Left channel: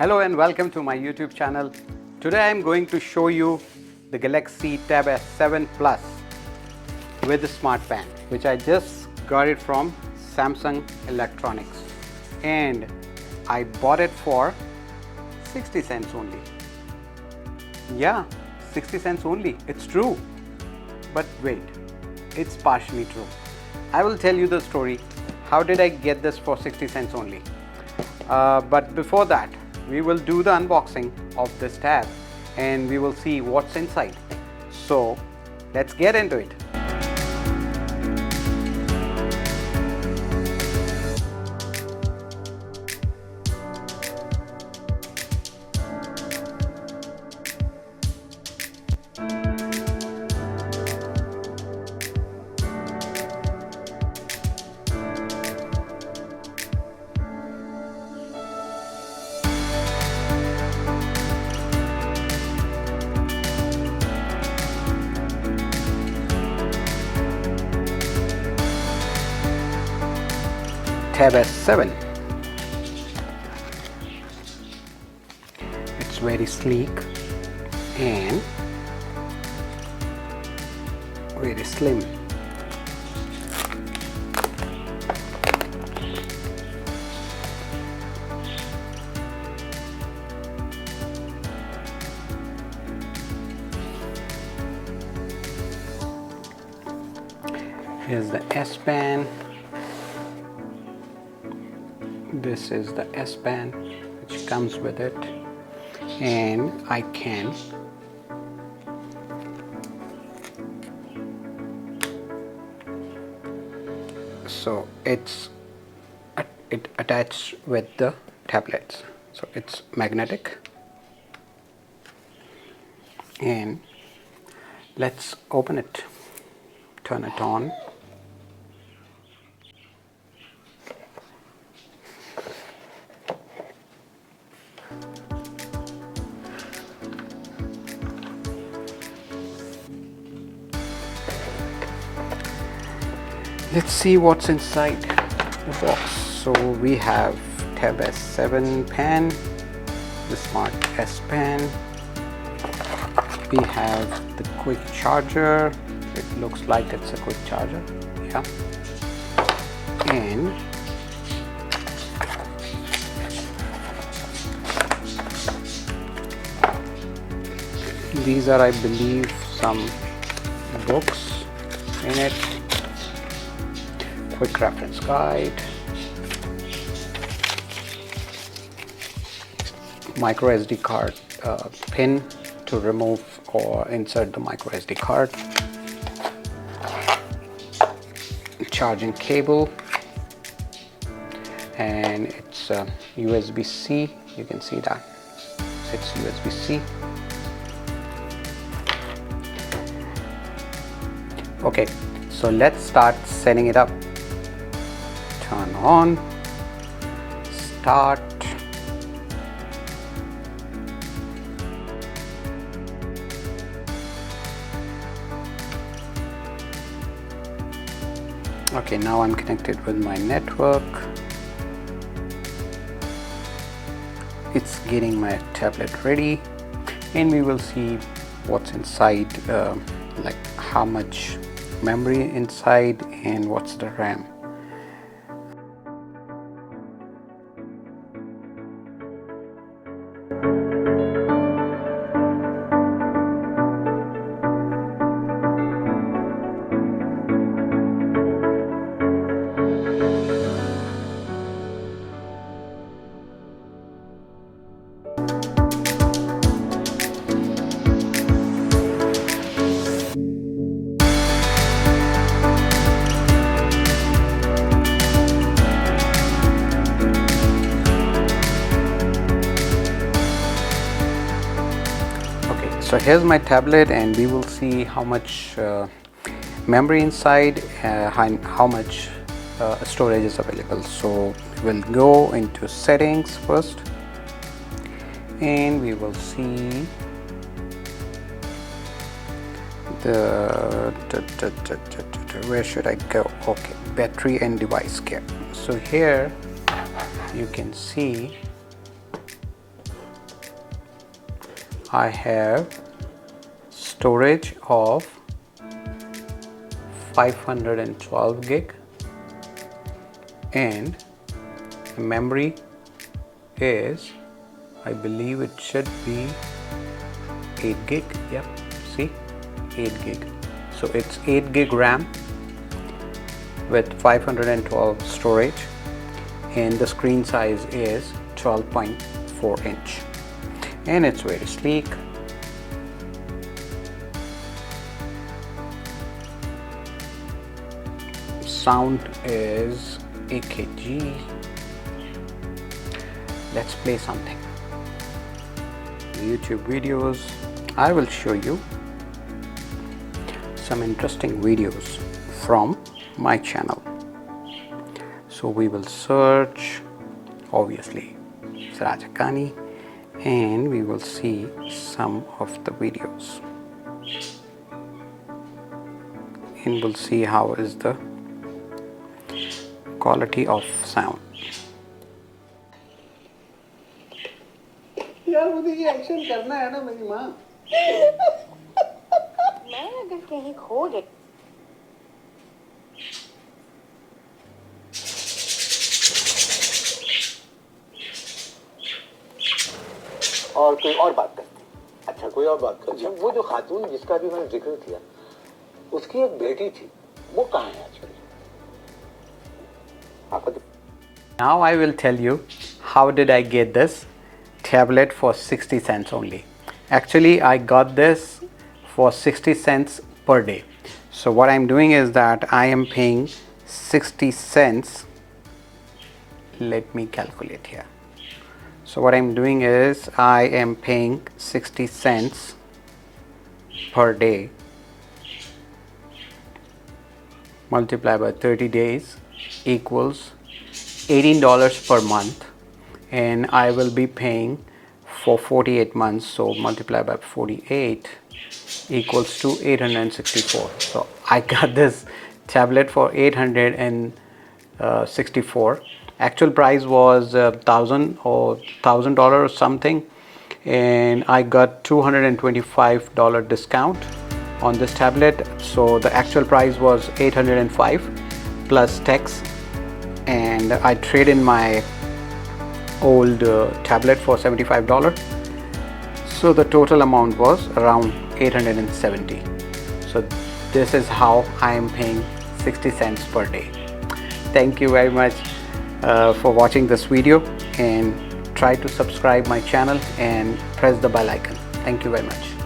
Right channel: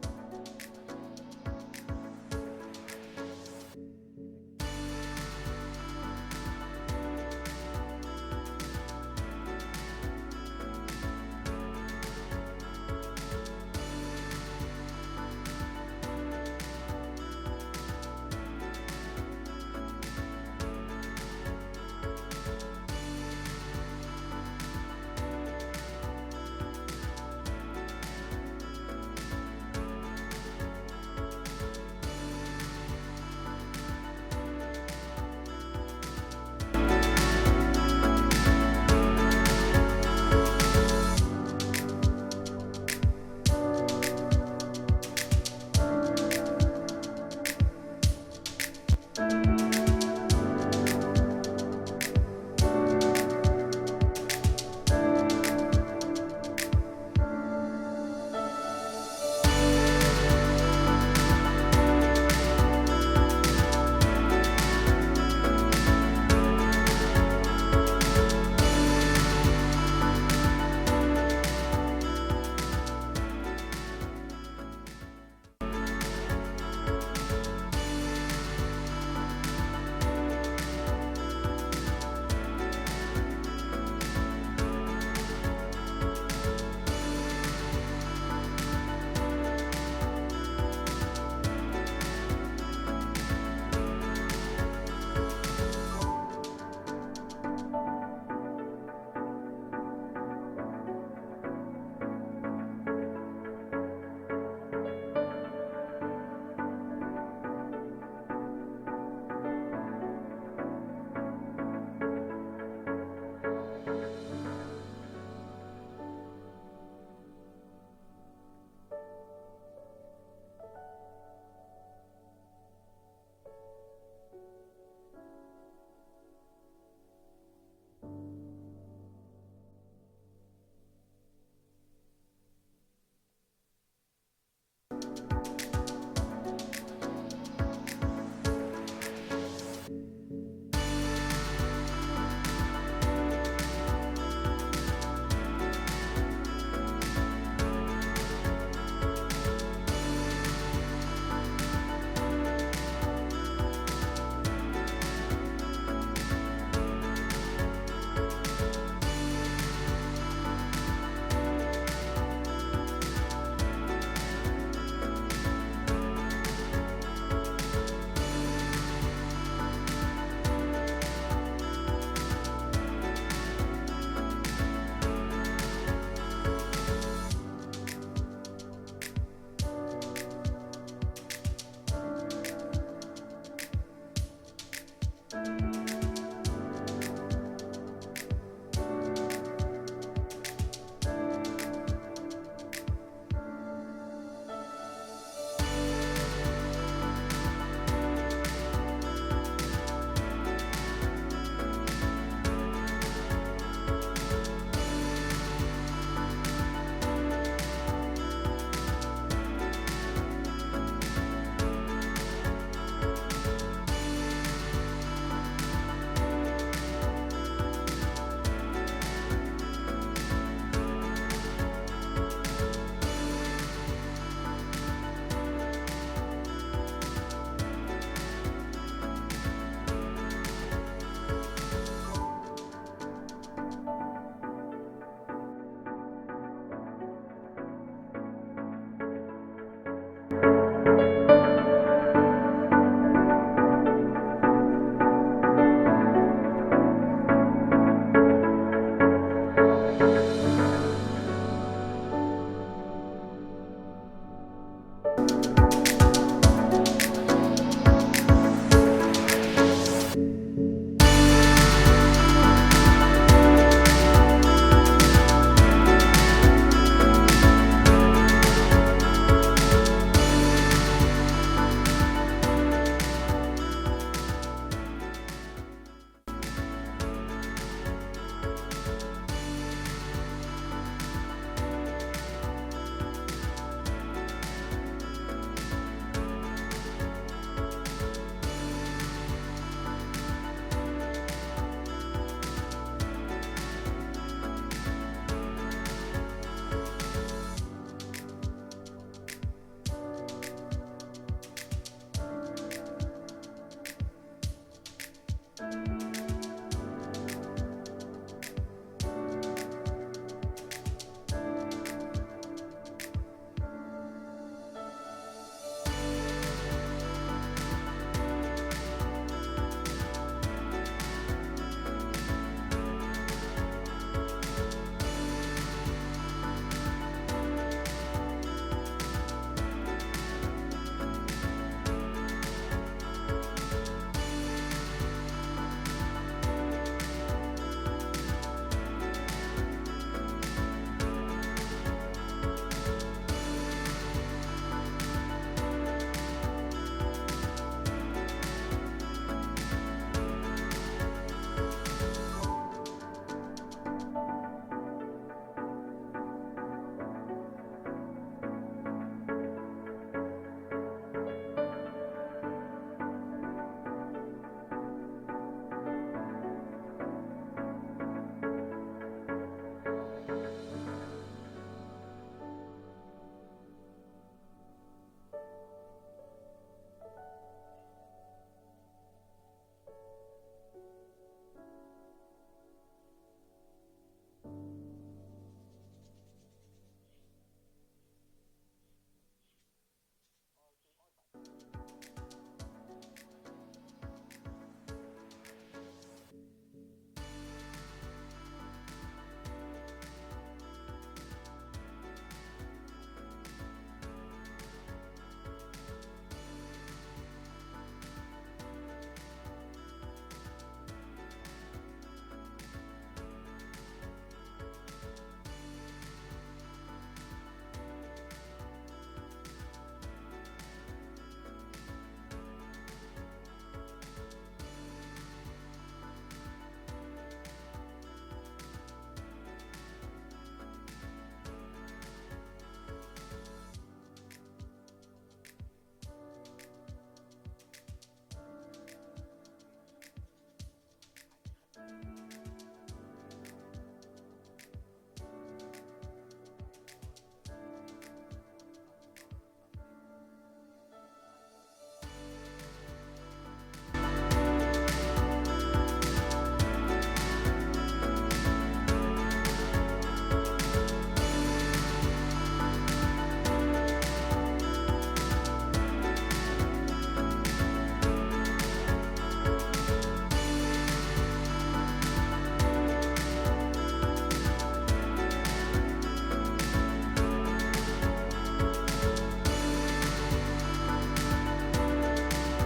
Hello and welcome to my YouTube channel. Today I am going to show you the Galaxy Tab S7 Plus with the smart fan, which I just got it from Samsung Electronics, and I bought it for 60 cents only. Yeah, 60 cents only. It's true. But wait, it's partially true. I will tell you the story. How did I get this for 60 cents only? But before that, we will do the unboxing of this tab and we will see what's inside. So let's get into it. Tab S7. It's very sleek and very slim. Here's the S Pen. This is the S Pen which comes with it, and I can so it attached with the tablets, so it's magnetic. And let's open it, turn it on. Let's see what's inside the box. So we have Tab S7 pen, the Smart S Pen. We have the quick charger. It looks like it's a quick charger. Yeah. And these are, I believe, some books in it. Quick reference guide, micro SD card pin to remove or insert the micro SD card, charging cable, and it's USB-C. You can see that it's USB-C. Okay, so let's start setting it up. Turn on, start. Okay, now I'm connected with my network. It's getting my tablet ready, and we will see what's inside, like how much memory inside and what's the RAM. So here's my tablet, and we will see how much memory inside, how much storage is available. So we'll go into settings first, and we will see the where should I go? Okay, battery and device care. So here you can see I have storage of 512 gig and memory is, I believe it should be 8 gig. Yep, see, 8 gig. So it's 8 gig RAM with 512 storage, and the screen size is 12.4 inch, and it's very sleek. Sound is AKG. Let's play something. YouTube videos. I will show you some interesting videos from my channel. So we will search, obviously, Siraj Haqqani, and we will see some of the videos, and we'll see how is the quality of sound. यार मुझे ये action करना है ना मेरी माँ। मैं अगर कहीं खो गई और कोई और बात करते। अच्छा कोई और बात कर। वो जो खातून जिसका भी मैंने जिक्र किया, उसकी एक बेटी थी, वो कहाँ है आजकल? Now I will tell you how did I get this tablet for 60 cents only. Actually, I got this for 60 cents per day. So what I'm doing is that I am paying 60 cents. Let me calculate here. So what I'm doing is I am paying 60 cents per day multiplied by 30 days equals $18 per month, and I will be paying for 48 months, so multiply by 48 equals to 864. So I got this tablet for 864. Actual price was $1,000 or something, and I got $225 discount on this tablet, so the actual price was $805 plus tax, and I traded in my old tablet for $75, so the total amount was around $870. So this is how I am paying 60 cents per day. Thank you very much for watching this video, and try to subscribe my channel and press the bell icon. Thank you very much.